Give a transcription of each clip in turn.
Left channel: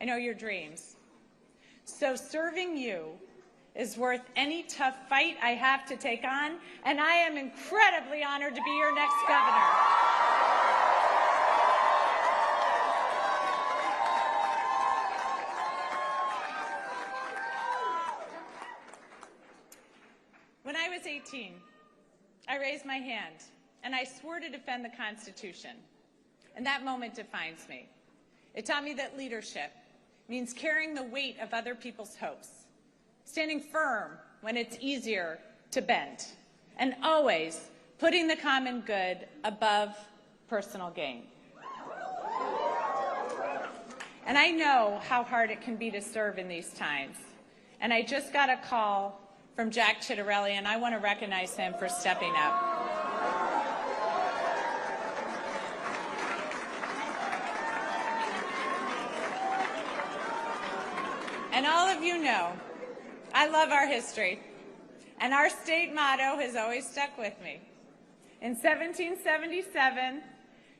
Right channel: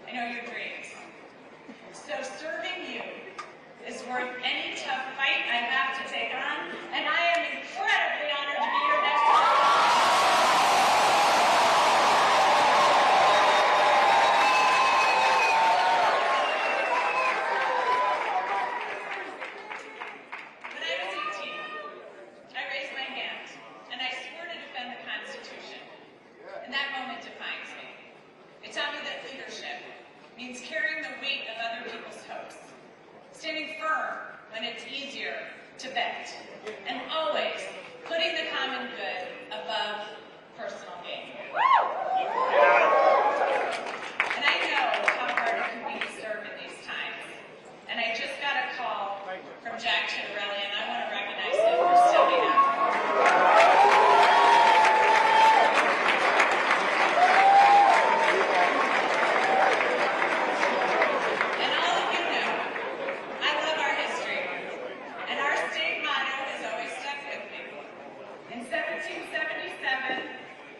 I know your dreams. So serving you is worth any tough fight I have to take on, and I am incredibly honored to be your next governor. When I was 18, I raised my hand, and I swore to defend the Constitution. And that moment defines me. It taught me that leadership means carrying the weight of other people's hopes, standing firm when it's easier to bend, and always putting the common good above personal gain. And I know how hard it can be to serve in these times. And I just got a call from Jack Chitterelli, and I want to recognize him for stepping up. And all of you know, I love our history, and our state motto has always stuck with me. In 1777,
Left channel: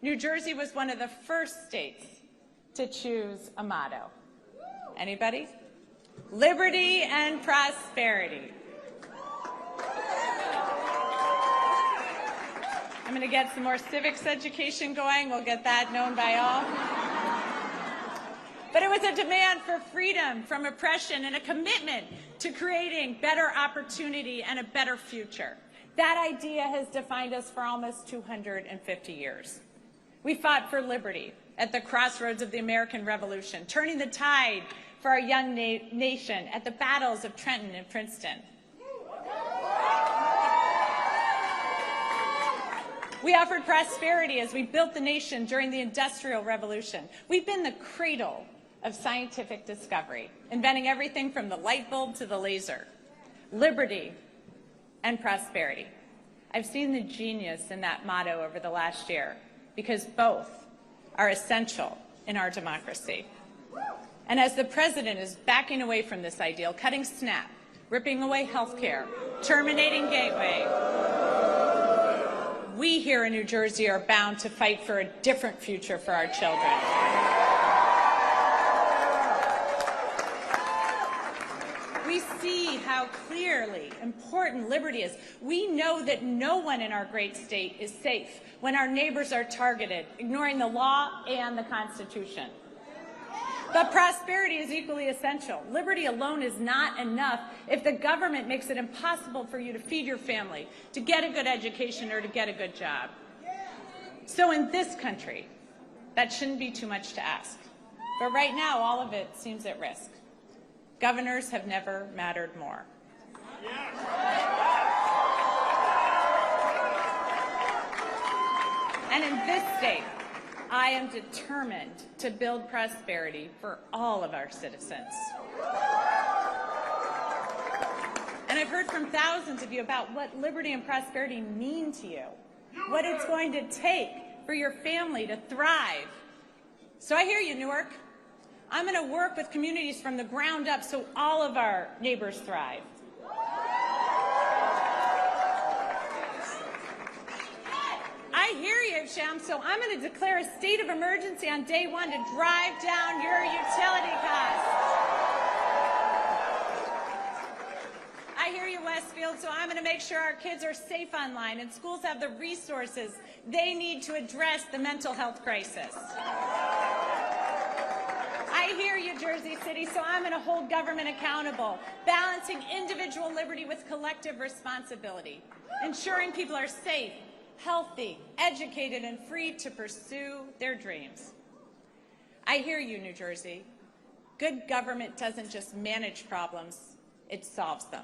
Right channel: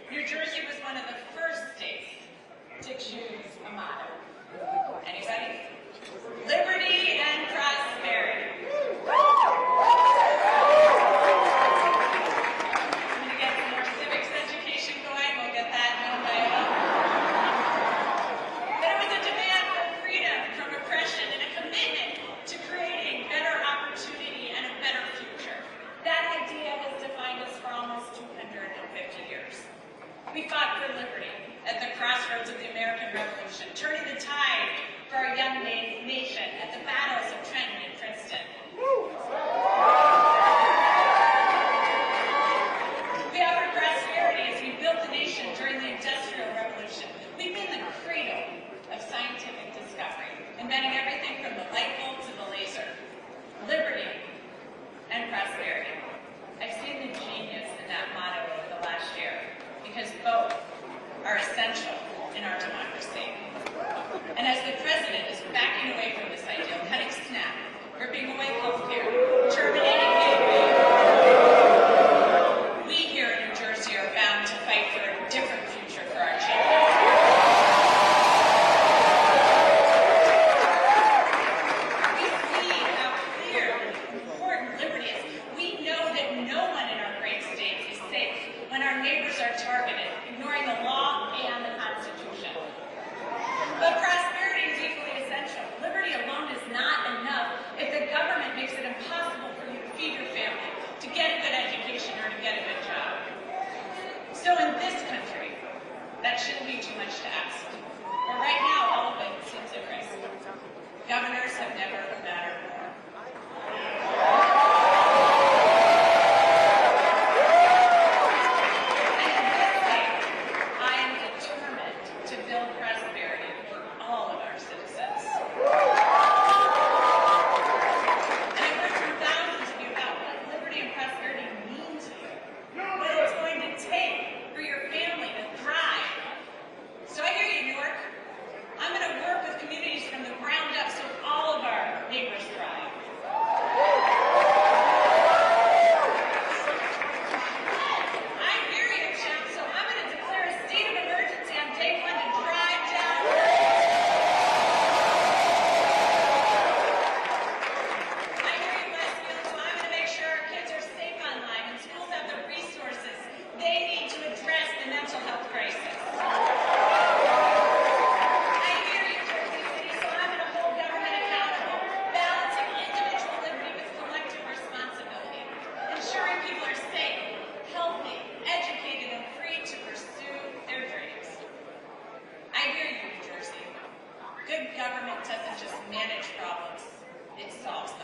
New Jersey was one of the first states to choose a motto. Anybody? Liberty and prosperity. I'm going to get some more civics education going. We'll get that known by all. But it was a demand for freedom from oppression and a commitment to creating better opportunity and a better future. That idea has defined us for almost 250 years. We fought for liberty at the crossroads of the American Revolution, turning the tide for our young nation at the battles of Trenton and Princeton. We offered prosperity as we built the nation during the Industrial Revolution. We've been the cradle of scientific discovery, inventing everything from the light bulb to the laser. Liberty and prosperity. I've seen the genius in that motto over the last year, because both are essential in our democracy. And as the president is backing away from this ideal, cutting SNAP, ripping away health care, terminating Gateway, we here in New Jersey are bound to fight for a different future for our children. We see how clear, important liberty is. We know that no one in our great state is safe when our neighbors are targeted, ignoring the law and the Constitution. But prosperity is equally essential. Liberty alone is not enough if the government makes it impossible for you to feed your family, to get a good education, or to get a good job. So in this country, that shouldn't be too much to ask. But right now, all of it seems at risk. Governors have never mattered more. To build prosperity for all of our citizens. And I've heard from thousands of you about what liberty and prosperity mean to you, what it's going to take for your family to thrive. So I hear you, Newark. I'm going to work with communities from the ground up so all of our neighbors thrive. Good government doesn't just manage problems, it solves them.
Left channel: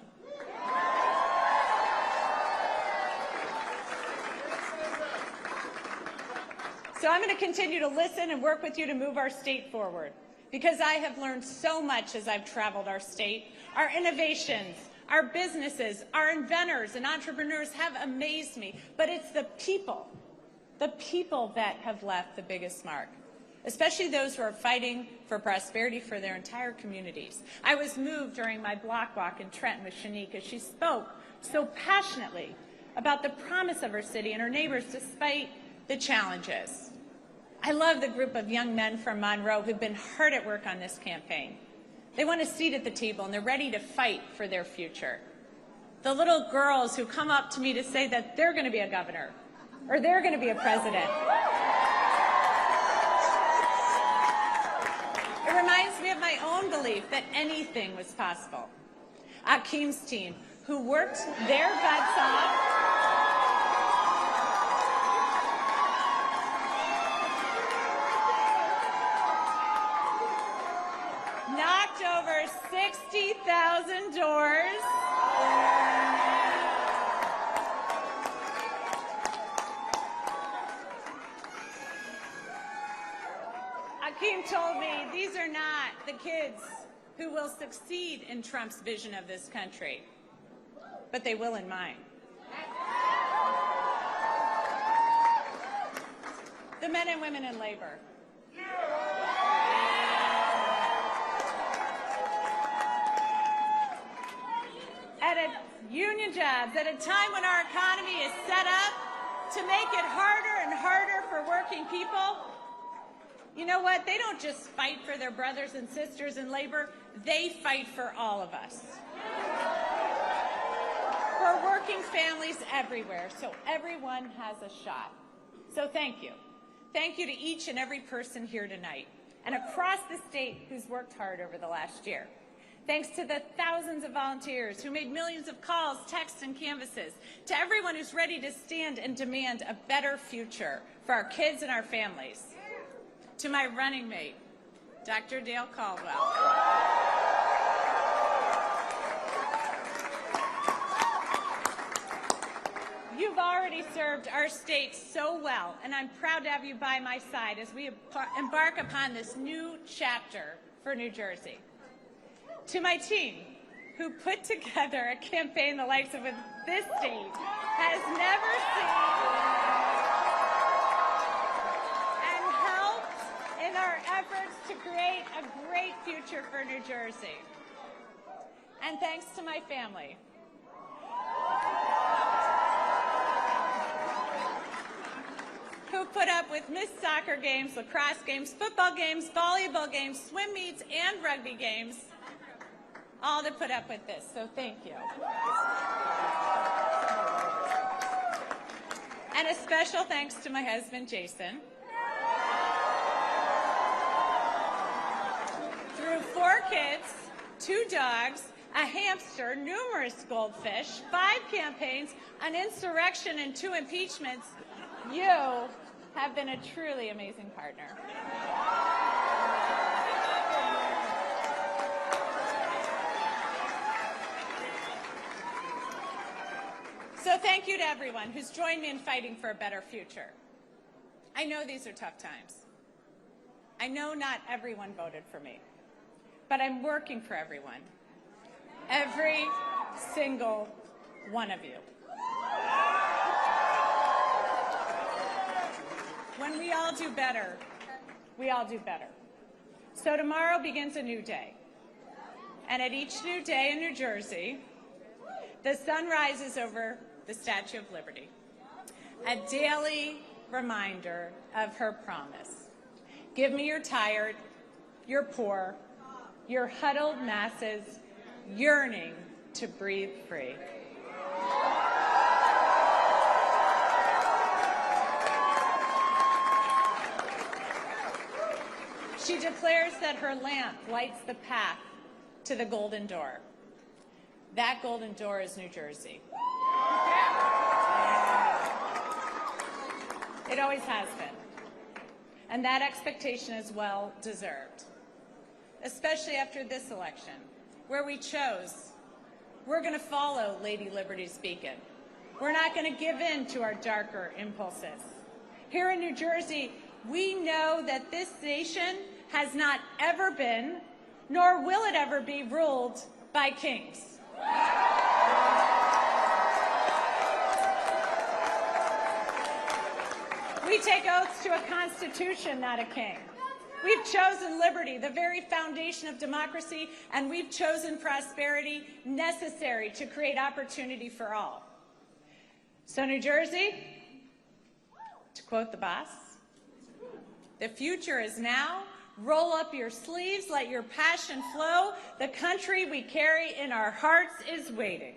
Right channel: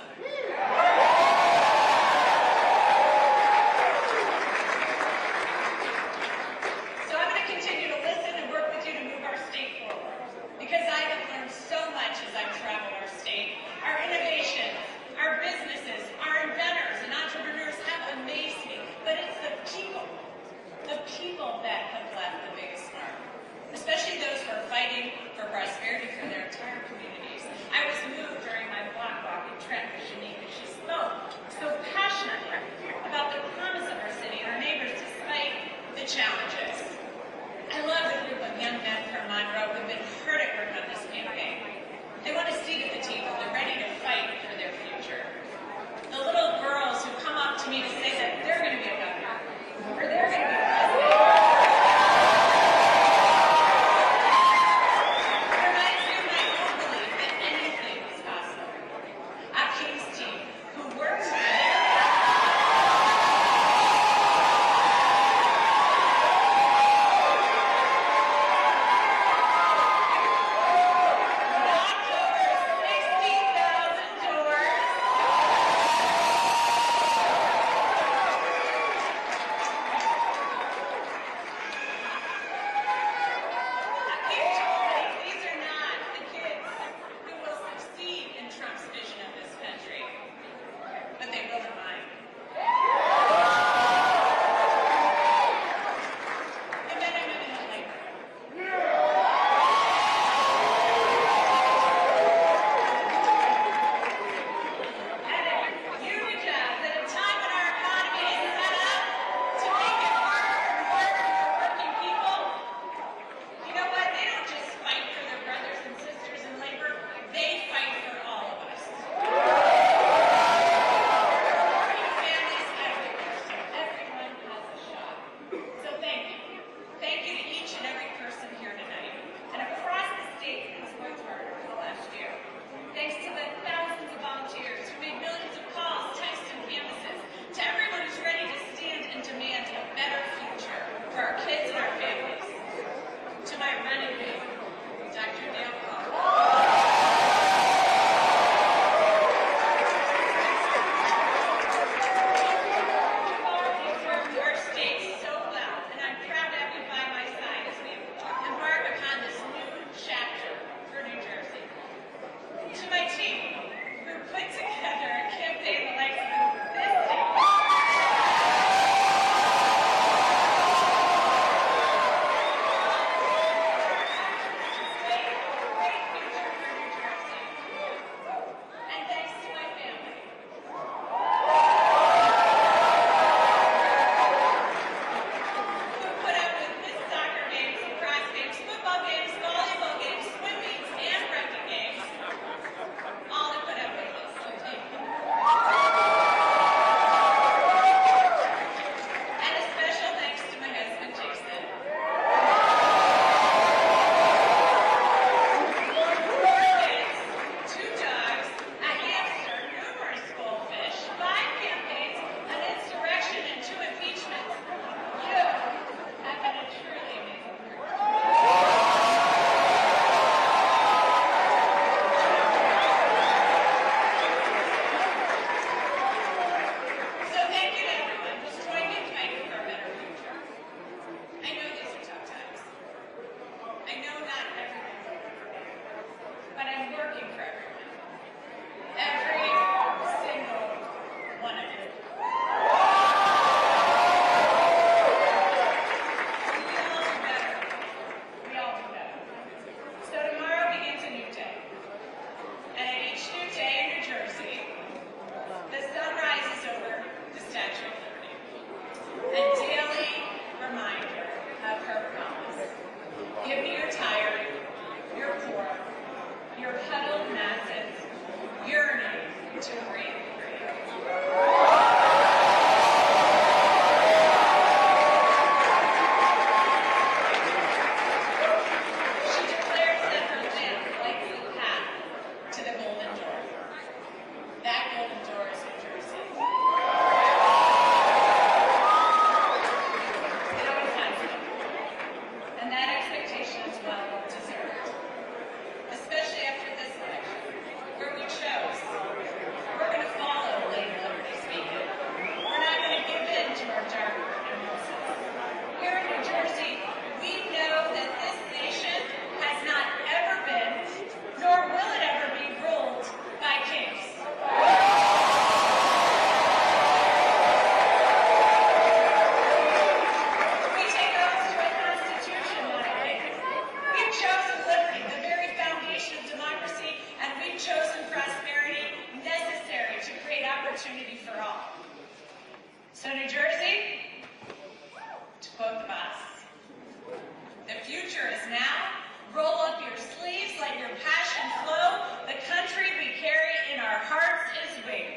So I'm going to continue to listen and work with you to move our state forward, because I have learned so much as I've traveled our state. Our innovations, our businesses, our inventors and entrepreneurs have amazed me, but it's the people that have left the biggest mark. Especially those who are fighting for prosperity for their entire communities. I was moved during my block walk in Trenton with Shanique as she spoke so passionately about the promise of her city and her neighbors despite the challenges. I love the group of young men from Monroe who've been hard at work on this campaign. They want a seat at the table and they're ready to fight for their future. The little girls who come up to me to say that they're going to be a governor or they're going to be a president. It reminds me of my own belief that anything is possible. Akeem's team, who worked their butts off. Knocked over 60,000 doors. Akeem told me these are not the kids who will succeed in Trump's vision of this country, but they will in mine. The men and women in labor. At union jobs, at a time when our economy is set up to make it harder and harder for working people, you know what? They don't just fight for their brothers and sisters in labor, they fight for all of us. For working families everywhere, so everyone has a shot. So thank you. Thank you to each and every person here tonight and across the state who's worked hard over the last year. Thanks to the thousands of volunteers who made millions of calls, texts, and canvases, to everyone who's ready to stand and demand a better future for our kids and our families. To my running mate, Dr. Dale Caldwell. You've already served our state so well, and I'm proud to have you by my side as we embark upon this new chapter for New Jersey. To my team, who put together a campaign the likes of this state has never. Create a great future for New Jersey. And thanks to my family. Who put up with missed soccer games, lacrosse games, football games, volleyball games, swim meets, and rugby games. All to put up with this, so thank you. And a special thanks to my husband, Jason. 4 kids, 2 dogs, a hamster, numerous goldfish, 5 campaigns, an insurrection, and 2 impeachments. You have been a truly amazing partner. So thank you to everyone who's joined me in fighting for a better future. I know these are tough times. I know not everyone voted for me, but I'm working for everyone. Every single one of you. When we all do better, we all do better. So tomorrow begins a new day. And at each new day in New Jersey, the sun rises over the Statue of Liberty. A daily reminder of her promise. Give me your tired, your poor, your huddled masses, yearning to breathe free. She declares that her lamp lights the path to the golden door. That golden door is New Jersey. It always has been. And that expectation is well deserved. Especially after this election, where we chose future is now. Roll up your sleeves, let your passion flow. The country we carry in our hearts is waiting.